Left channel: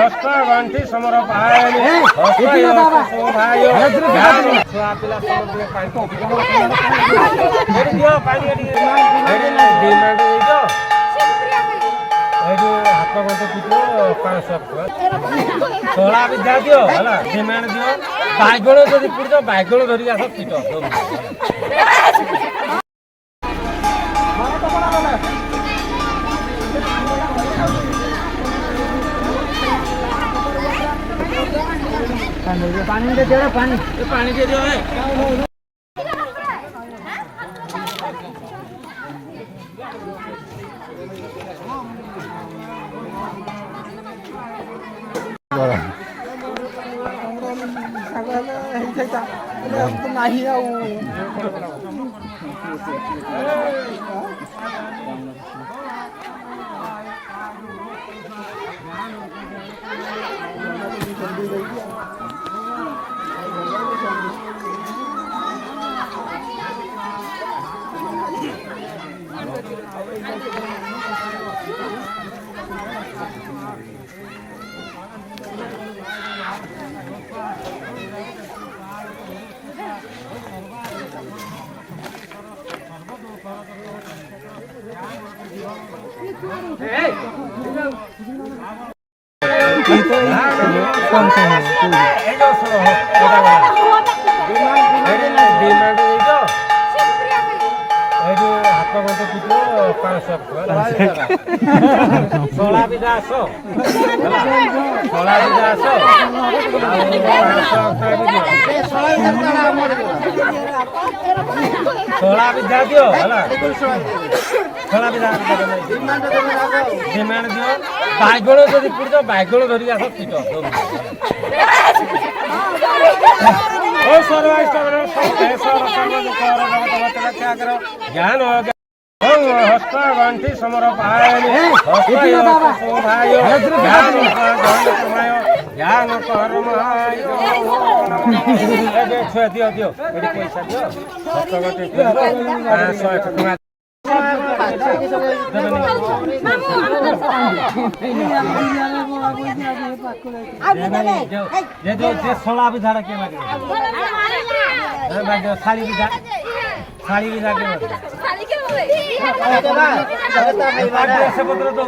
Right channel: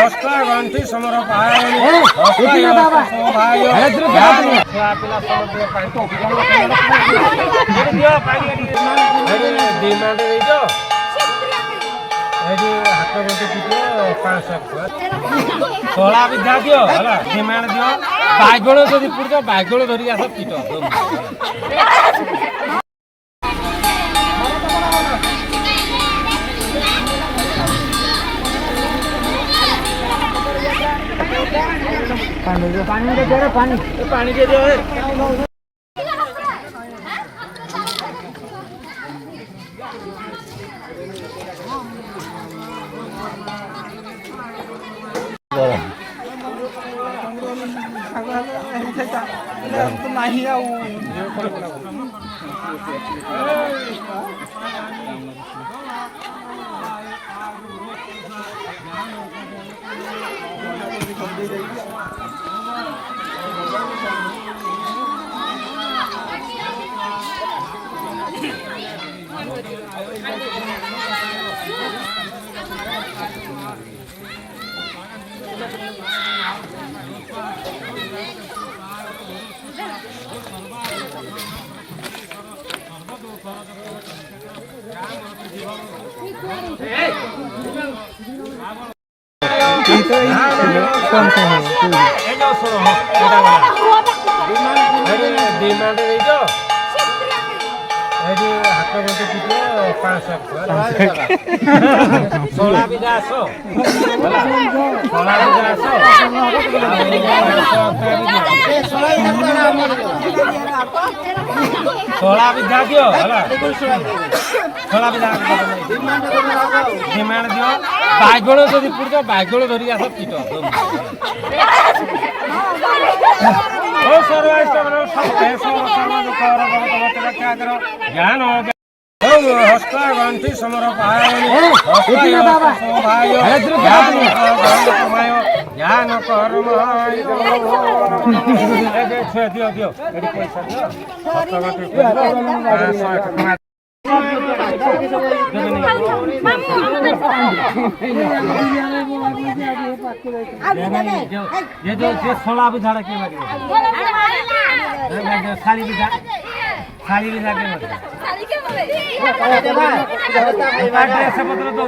हस्ता गंठी समर पायनी हस्ता भाई छुआ पिला समर पाई दियो पानी डिमांड दियो हाथ गंठी पिटियो 500 छोला भी जा दियो है डिमांड दियो बाइगण जदि पुड़ो बाइगण धरिक आस पिट पानी के दे पानी के दियो है कौन सा डिमांड हाथ गंठी पिटियो 500 छोला भी आस छोला भी आस छोला भी जा दियो छोला भी डिमांड दियो बाइगण जदि पुड़ो बाइगण धरिक आस पिट ज्ञान हस्ता गंठी समर पायनी हस्ता भाई ज्ञान कर्म दियो दियो पैसा दियो हस्त गंठी छोला भी झाड़ा के साड़ी भी पत्र दो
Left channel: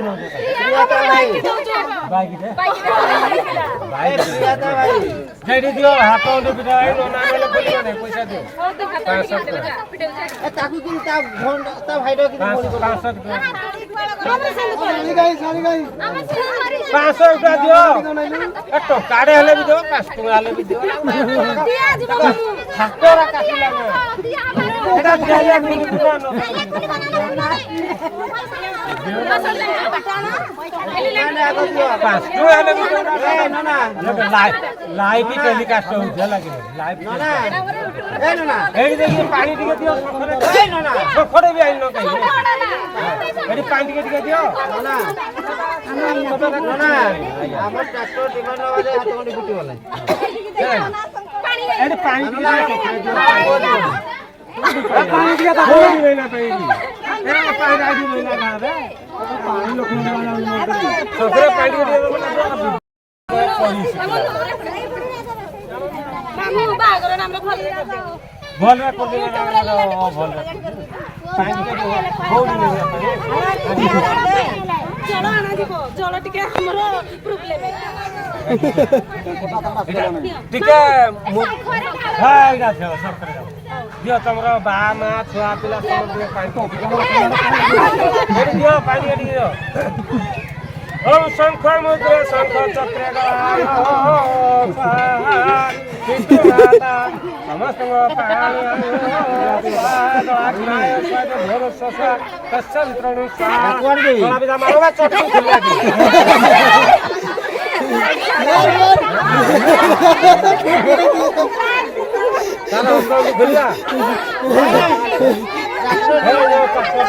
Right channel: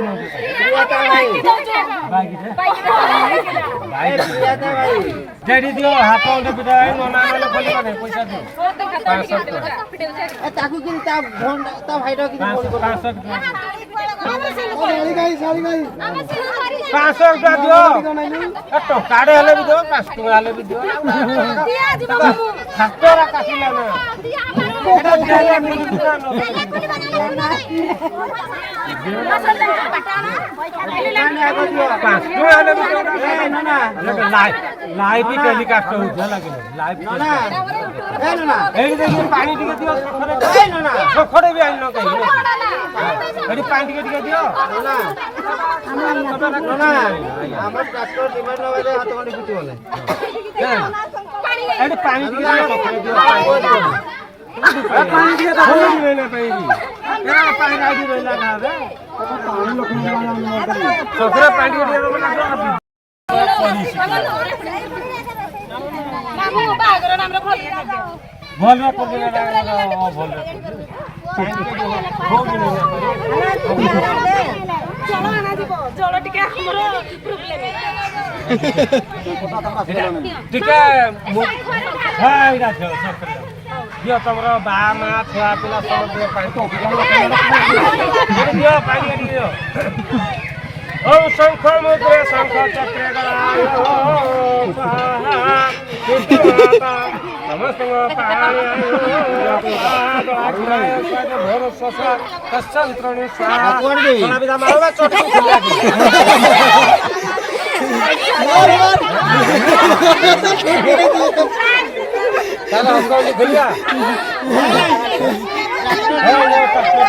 जेडी दियो हाथ पिटा पैसा दियो 500 रुपया दियो टकाड़े हेले भी दियो 5 टका हेले भी दियो खातरा काटिला लाइव भी टेलीकास्ट होइछ लागे लाइव पानी टिके दियो सखरे भी आइल न कहि एडी पानी टिके दियो ना हमर ट्रैक्टर डिमांड लगे हाथ गंठी पिटी बोले एडी पानी टिके दियो पानी टिके तो होई नहीं ना पाई ए पानी आडी रहला ना रे पानी लोक सखरे पानी टिके बागर नाम रे भल रे कर देला भल रे पानी टिके होई नहीं ना पाई चलो आना दीबो चलो टिके हमरो प्रॉब्लम है टिके हाय गा छ सब कर दियो तमरो बा मा छुआ पिला सब दियो पानी दियो पानी दियो ओम शंख मुद्रे शंख चक्र गलायो स्वाहा समस्त पाणी आयो आग्राय स्वाद भोर ससा तस्संत्रनु स्वाहा कोना बिदा मारवा चोटी खुलिया चलो हमको खुलिया हे वो पक्का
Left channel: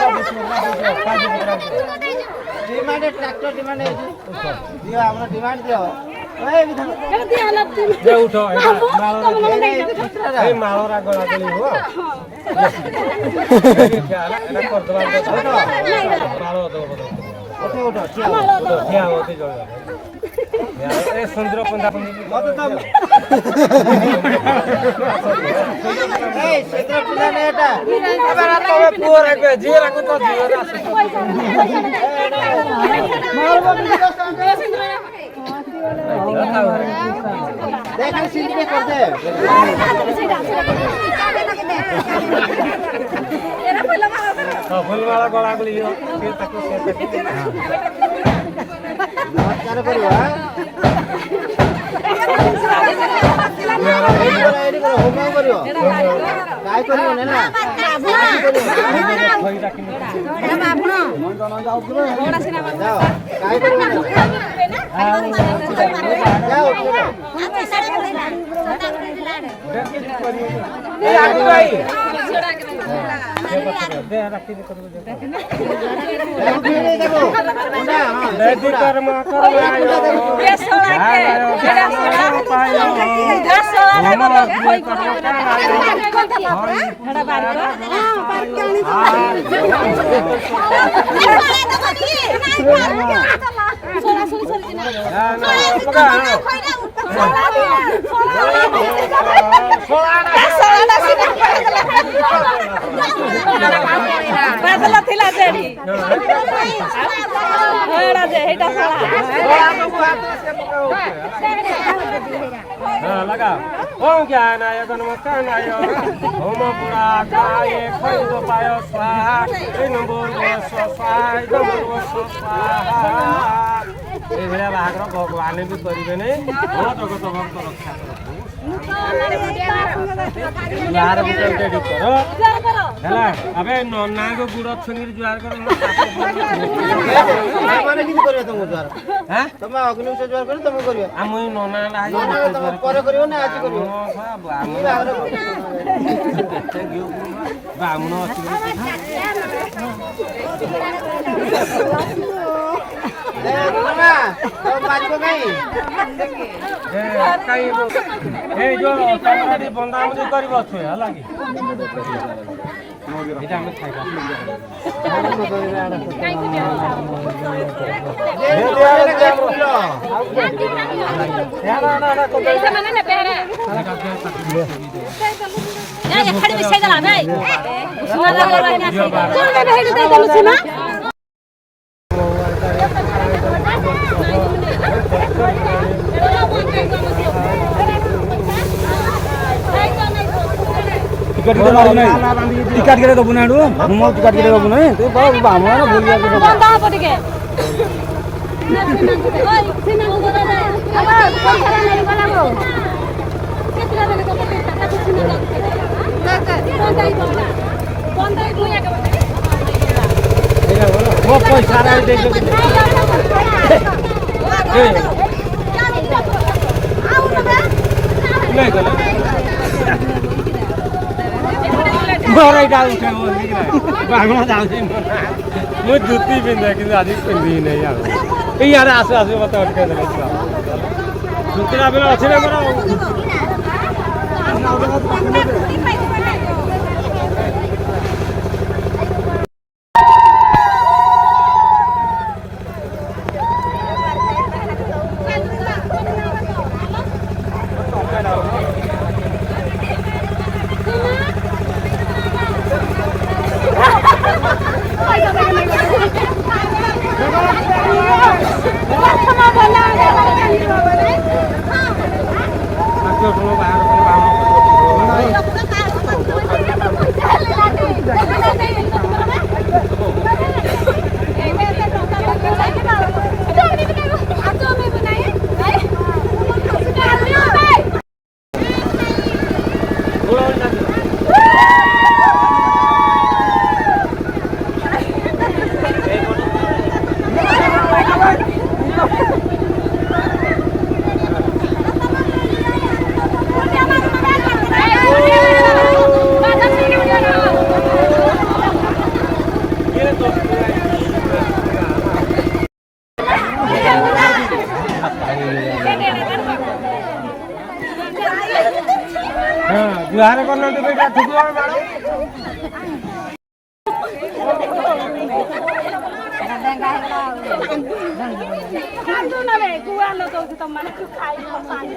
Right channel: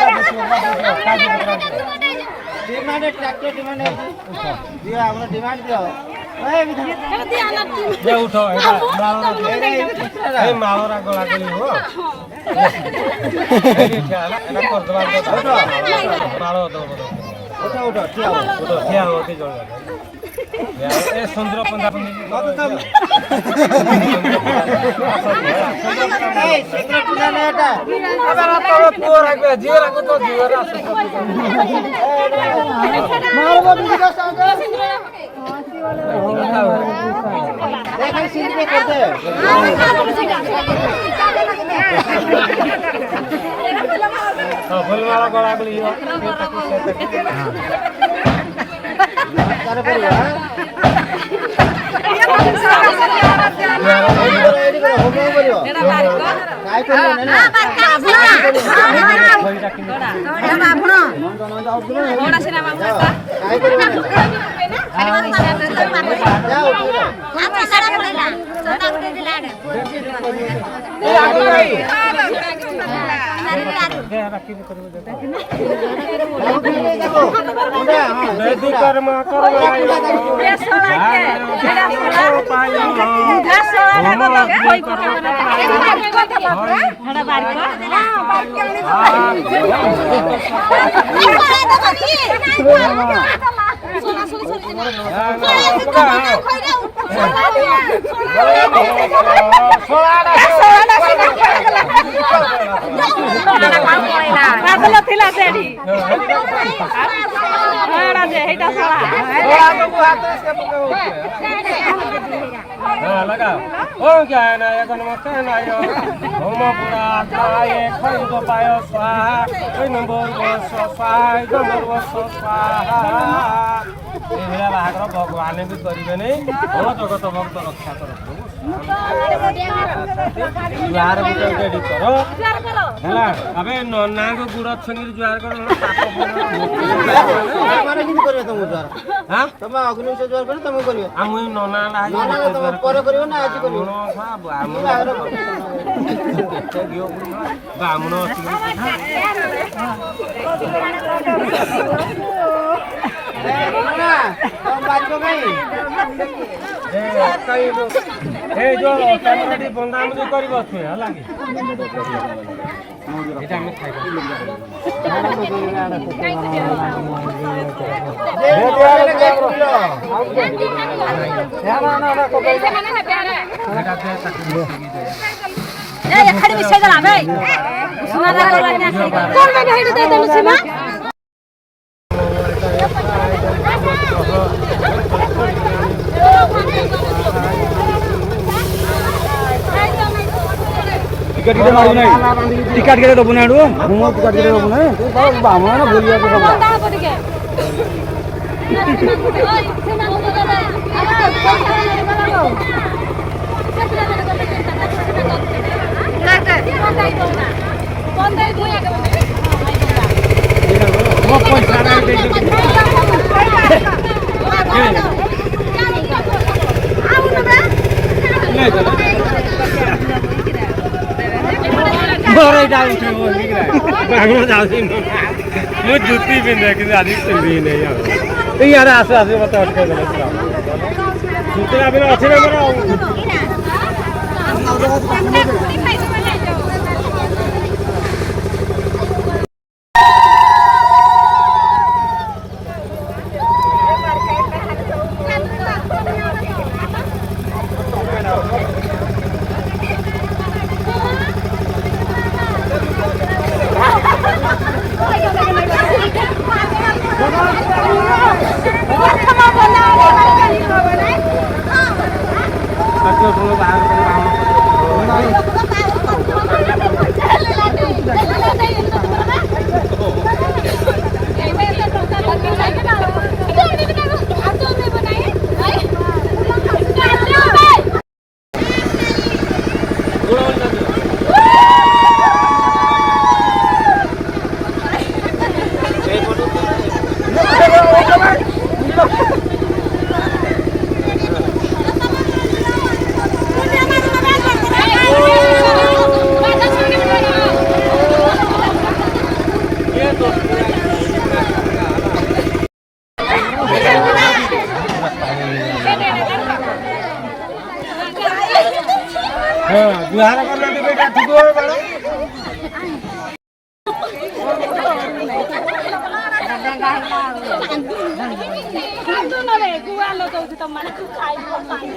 डिमांड ट्रैक्टर डिमांड है दियो हमरा डिमांड दियो ओए दे उठो ए मालोरा गला गली हो ए कर दबा मालो दो उठो उठो क्या होती जल्दी ए सुंदर पंदा मत तब ए सुंदर पंदा ने एटा अबे रात तो पूर है जीव रखो तो जीव देख सीधी पे कर दे फूल वाला गला गली नमस्कार परिवा रेडी करो होगा परिवा काय करियो ना आपण बडा सिनेमा काय करियो जाओ हाथ सारा पड़ेला सोना गुटे दिला ए आदि भाई दे रखी दे करू देखो मुंडा हां बेदी कर्म करवायो जायो पायो होम कर्म करवायो बड़ा बार सोना सोना लगा हो क्या है ना नमस्कार नायो होम पूरा काय खैद पायो स्वाहा स्वाहा स्वाहा एभलिया बाहागर भगवान भी करेंगे नहीं भल जगत भक्त रक्षा कर जुआर गुटे कर है अबे नना को गुड़ छुणी जुआर कर तुम अग्नि से जुआर कर तुम कर नना आज ब्राह्मण बंदा कर टिकट के मारू नहीं टिकट के तो बुनाडू मुंह टिकट के तो बुने तो बामना ना भूल गया तो सब कहां पड़ गए वो पैसा नहीं दे नहीं गला मोरे जा उठे वो लिख रहा है भागो जाओ दिन मुझे जूती पिंदे कि आदि पिंदी नहीं यार यार आसे आसे बता उठे जूती आबे अच्छे ना बना जुहार करना टिकट ठीक है କାନ୍ଦୁ ନବେ ଗୁଆ ଲଗାଉଛି ତମମାନଙ୍କୁ ଖାଇବ ପାଣି